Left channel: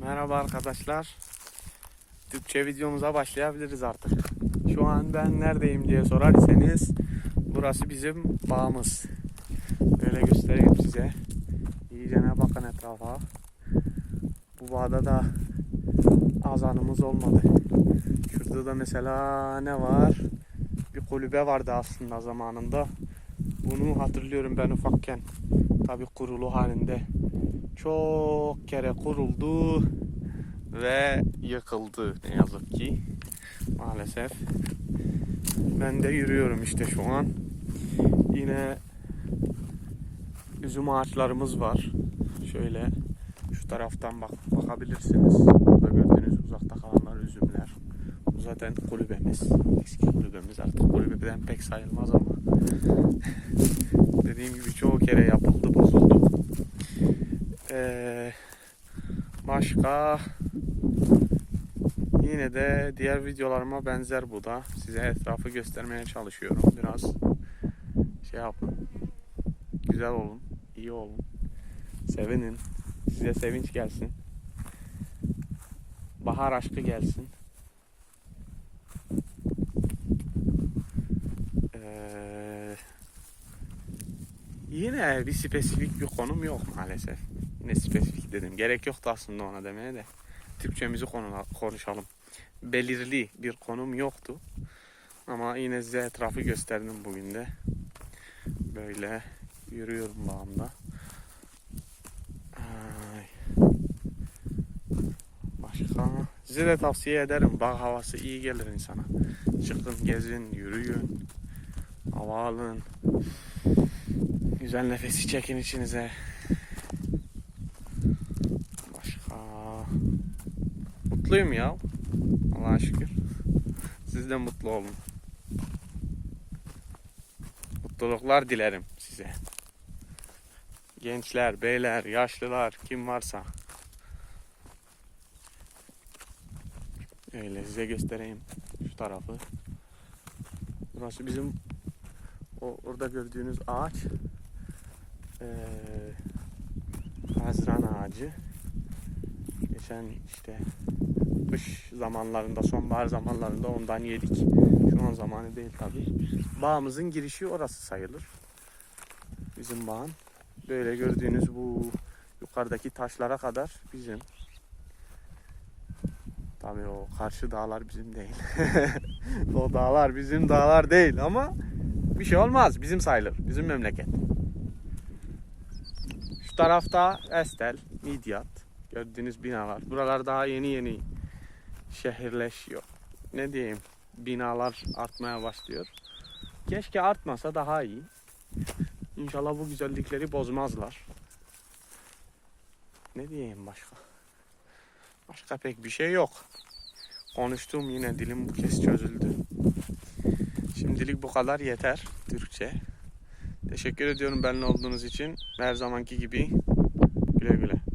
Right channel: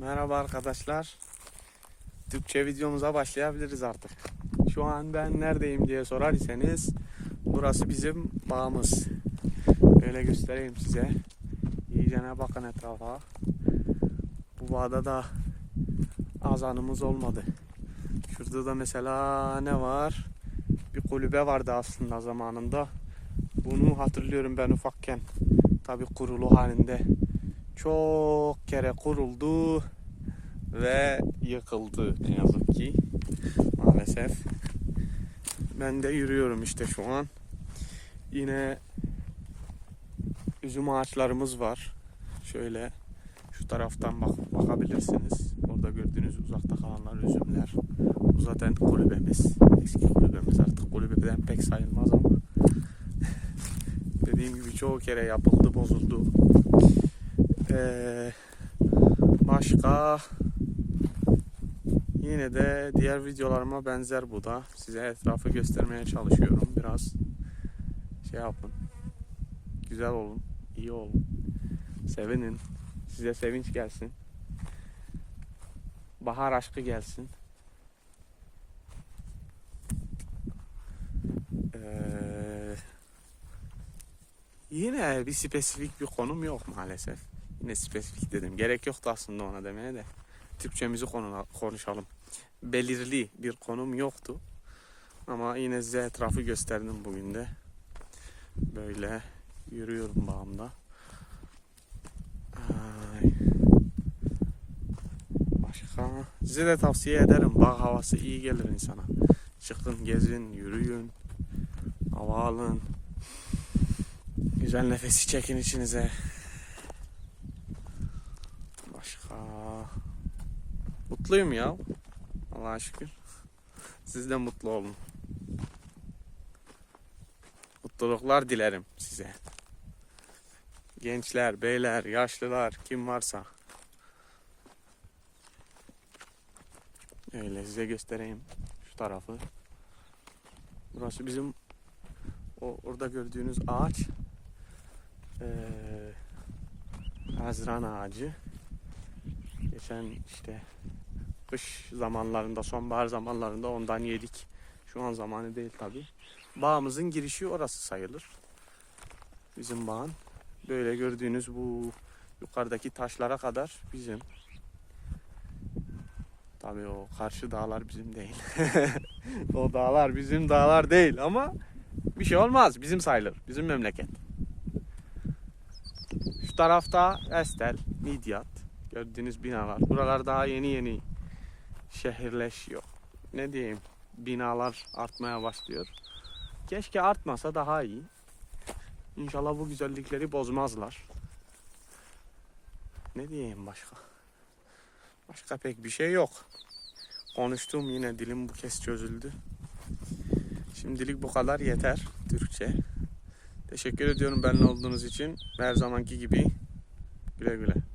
Merhaba arkadaşlar. Türkçe videomuza başlayabiliriz artık. Şu an ben neredeyim diye sorar iseniz burası bizim bağımız. Böyle göstereyim size. İyicene bakın etrafa. Bu bağda da azanımız olmadı. Şurada da mesela ne var? Bir kulübe vardı aslında zamanında. Bunu hatırlıyorum ben ufakken. Tabi kurulu halinde çok kere kuruldu ve yıkıldı ne yazık ki maalesef. Ben de yürüyorum işte şu an. Yine üzüm ağaçlarımız var. Şöyle şu taraftan bak bakabilirsiniz. Burada gördüğünüz uzakta kalanlar üzümler. Bu zaten kulübemiz. Eski kulübemiz artık kulübeden pek sayılmaz ama dediğim gibi çoğu kere yapıldı, bozuldu. Ee, başka yine de diğer videolarıma benzer bu da. Size etrafı göstermeye çalışıyorum. Biraz şey yapın. Güzel olun. iyi olun. Sevinin. Size sevinç gelsin. Bahar aşkı gelsin. Ee, yine bir spesifik bir konum yok maalesef. Yine spesifik dedim. Gerek yoktu aslında ona demeye de. Türkçemizi konu- konuşalım. Belirli bir konum yoktu. Ama yine size etrafı gösterdim bugün de. Böyle yürüyorum bağımda. Başka? Size de tavsiye ederim. Bağ havası iyi gelir insana. Çıkın, gezin, yürüyün. Hava alın. Güzel nefesi çekin içinize. Başka? Mutluyum ya. Allah'a şükür. Siz de mutlu olun. Mutluluklar dilerim size. Gençler, beyler, yaşlılar, kim varsa. Öyle size göstereyim şu tarafı. Burası bizim o orada gördüğünüz ağaç eee Haziran ağacı. Geçen işte kış zamanlarında, sonbahar zamanlarında ondan yedik. Şu an zamanı değil tabi. Bağımızın girişi orası sayılır. Bizim bağın. Böyle gördüğünüz bu yukarıdaki taşlara kadar bizim. Tabii o karşı dağlar bizim değil. o dağlar bizim dağlar değil ama bir şey olmaz. Bizim sayılır. Bizim memleket. Şu tarafta Estel, Midyat. Gördüğünüz binalar. Buralar daha yeni yeni şehirleşiyor. Ne diyeyim? Binalar artmaya başlıyor. Keşke artmasa daha iyi. İnşallah bu güzellikleri bozmazlar. Ne diyeyim başka? Başka pek bir şey yok. Konuştuğum yine dilim bu kez çözüldü. Şimdilik bu kadar yeter Türkçe. Teşekkür ediyorum benimle olduğunuz için. Her zamanki gibi güle güle.